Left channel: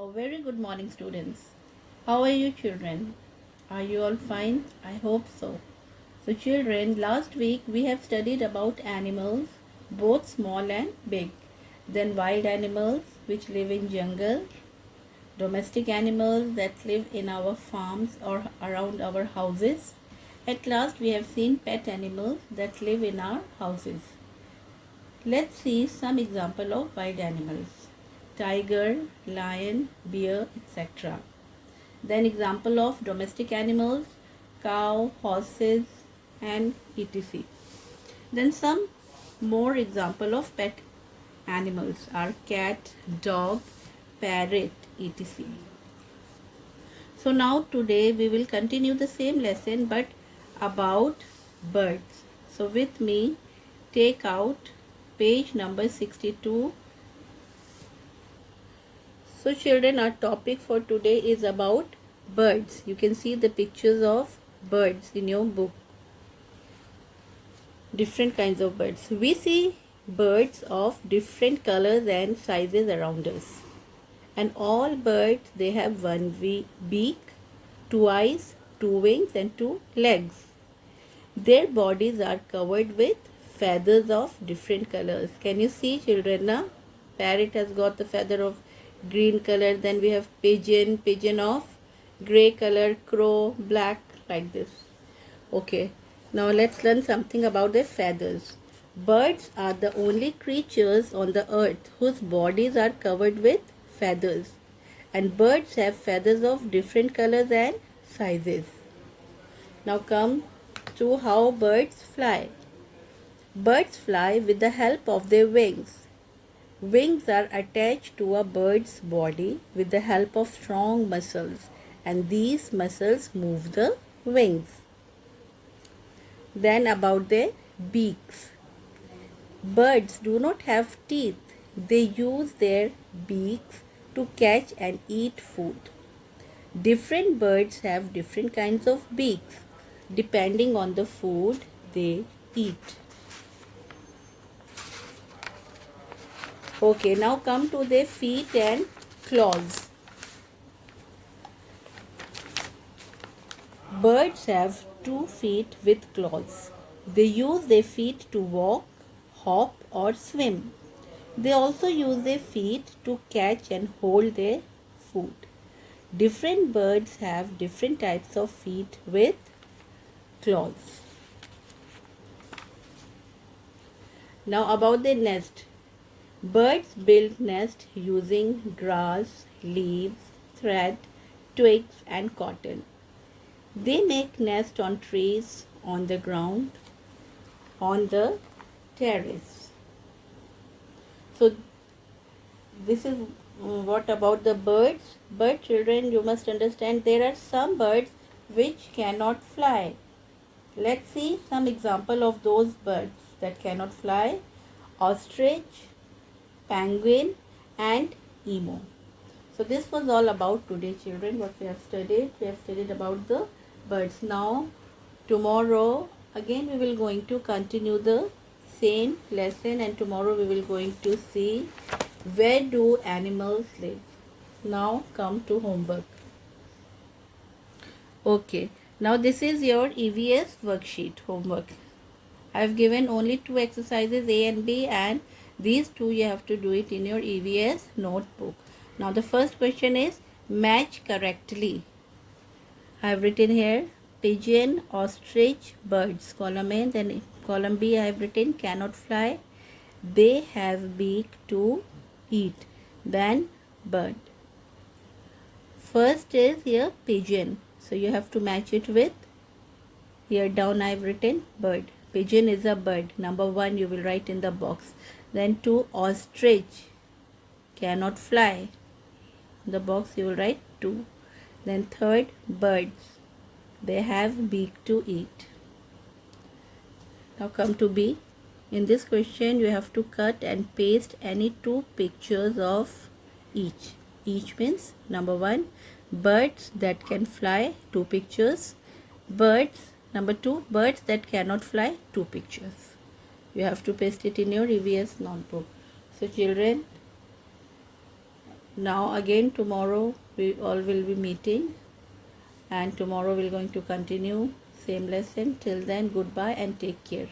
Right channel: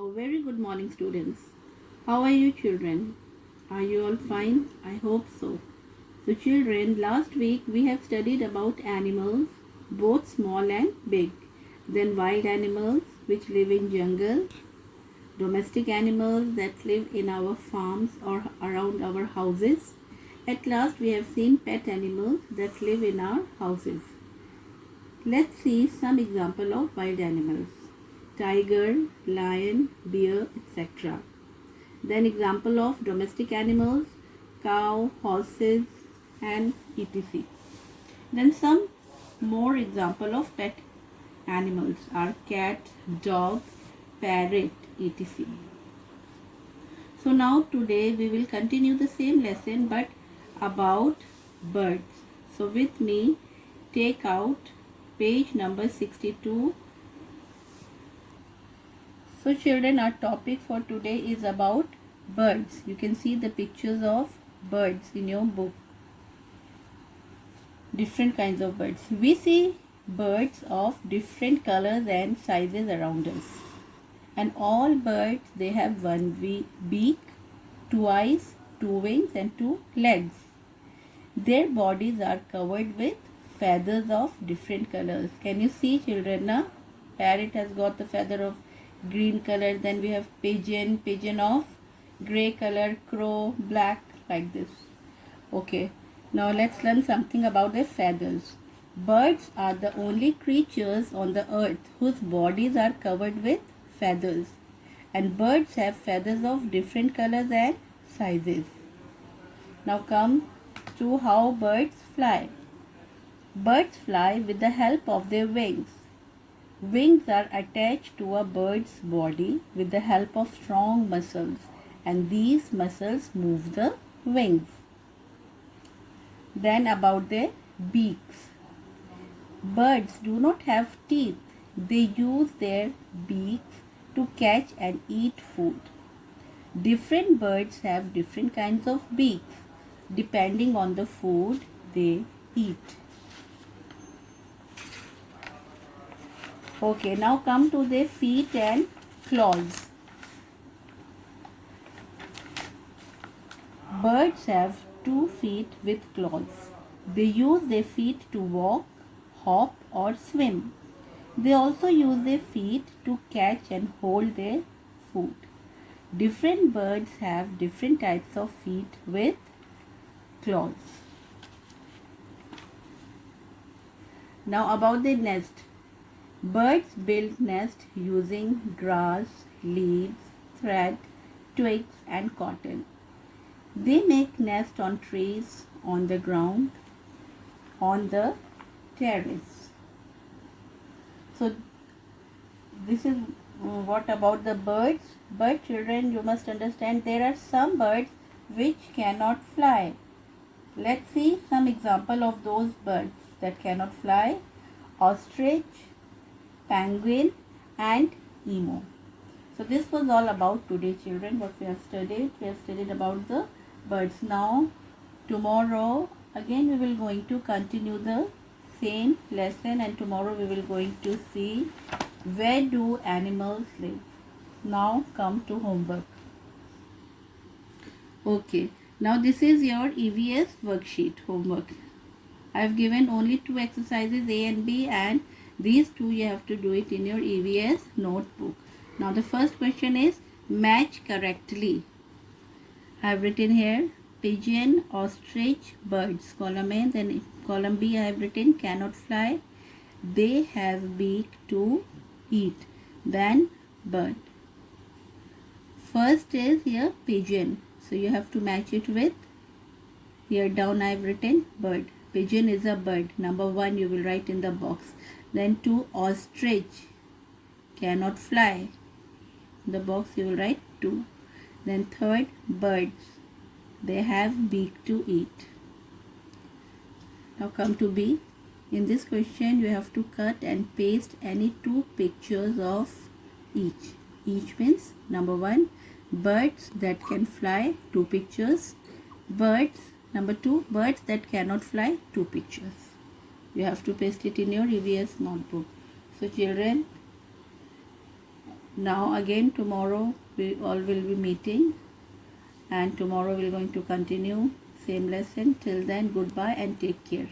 A very good morning, students. How are you, children? Are you all fine? I hope so. So, children, last week we have studied about animals, both small and big. Then wild animals which live in jungle, domestic animals that live in our farms or around our houses. At last, we have seen pet animals that live in our houses. Let's see some example of wild animals. Tiger, lion, bear, etc. Then example of domestic animals, cow, horses and etc. Then some more example of pet animals are cat, dog, parrot, etc. So now today we will continue the same lesson but about birds. So with me take out page number 62. So children, our topic for today is about birds. You can see the pictures of birds in your book. Different kinds of birds. We see birds of different colors and sizes around us. And all birds, they have one beak, two eyes, two wings and two legs. Their bodies are covered with feathers of different colors. Can you see, children? Now, parrot has got the feather of green color. Then we have pigeon of gray color, crow, black, like this. Okay, now let's learn something about their feathers. Birds are the only creatures on the earth whose bodies are covered with feathers. And birds have feathers of different colors and sizes. Now come to how birds fly. Birds fly with the help of their wings. Wings are attached to a bird's body with the help of strong muscles, and these muscles move the wings. Then about their beaks. Birds do not have teeth. They use their beaks to catch and eat food. Different birds have different kinds of beaks depending on the food they eat. Okay, now come to their feet and claws. Birds have 2 feet with claws. They use their feet to walk, hop or swim. They also use their feet to catch and hold their food. Different birds have different types of feet with claws. Now about their nest. Birds build nest using grass, leaves, thread, twigs and cotton. They make nest on trees, on the ground, on the terrace. So this is what about the birds. But children, you must understand there are some birds which cannot fly. Let's see some example of those birds that cannot fly. Ostrich, penguin and emu. So this was all about today, children, what we have studied. We have studied about the birds. Now tomorrow again we will going to continue the same lesson, and tomorrow we will going to see where do animals live. Now come to homework. Okay, now this is your EVS worksheet homework. I have given only 2 exercises A and B, and these 2 you have to do it in your EVS notebook. Now the first question is match correctly. I have written here pigeon, ostrich, birds. Column A, then column B I have written cannot fly. They have beak to eat. Then bird. First is here pigeon. So you have to match it with, here down I have written bird. Pigeon is a bird. Number 1 you will write in the box. Then 2 ostrich cannot fly. In the box you will write 2. Then third birds. They have beak to eat. Now come to B. In this question you have to cut and paste any 2 pictures of each. Each means number 1 birds that can fly, 2 pictures. Birds, number 2 birds that cannot fly, 2 pictures. You have to paste it in your EVS notebook. So children, Now again tomorrow we all will be meeting, and tomorrow we're going to continue same lesson. Till then, goodbye and take care.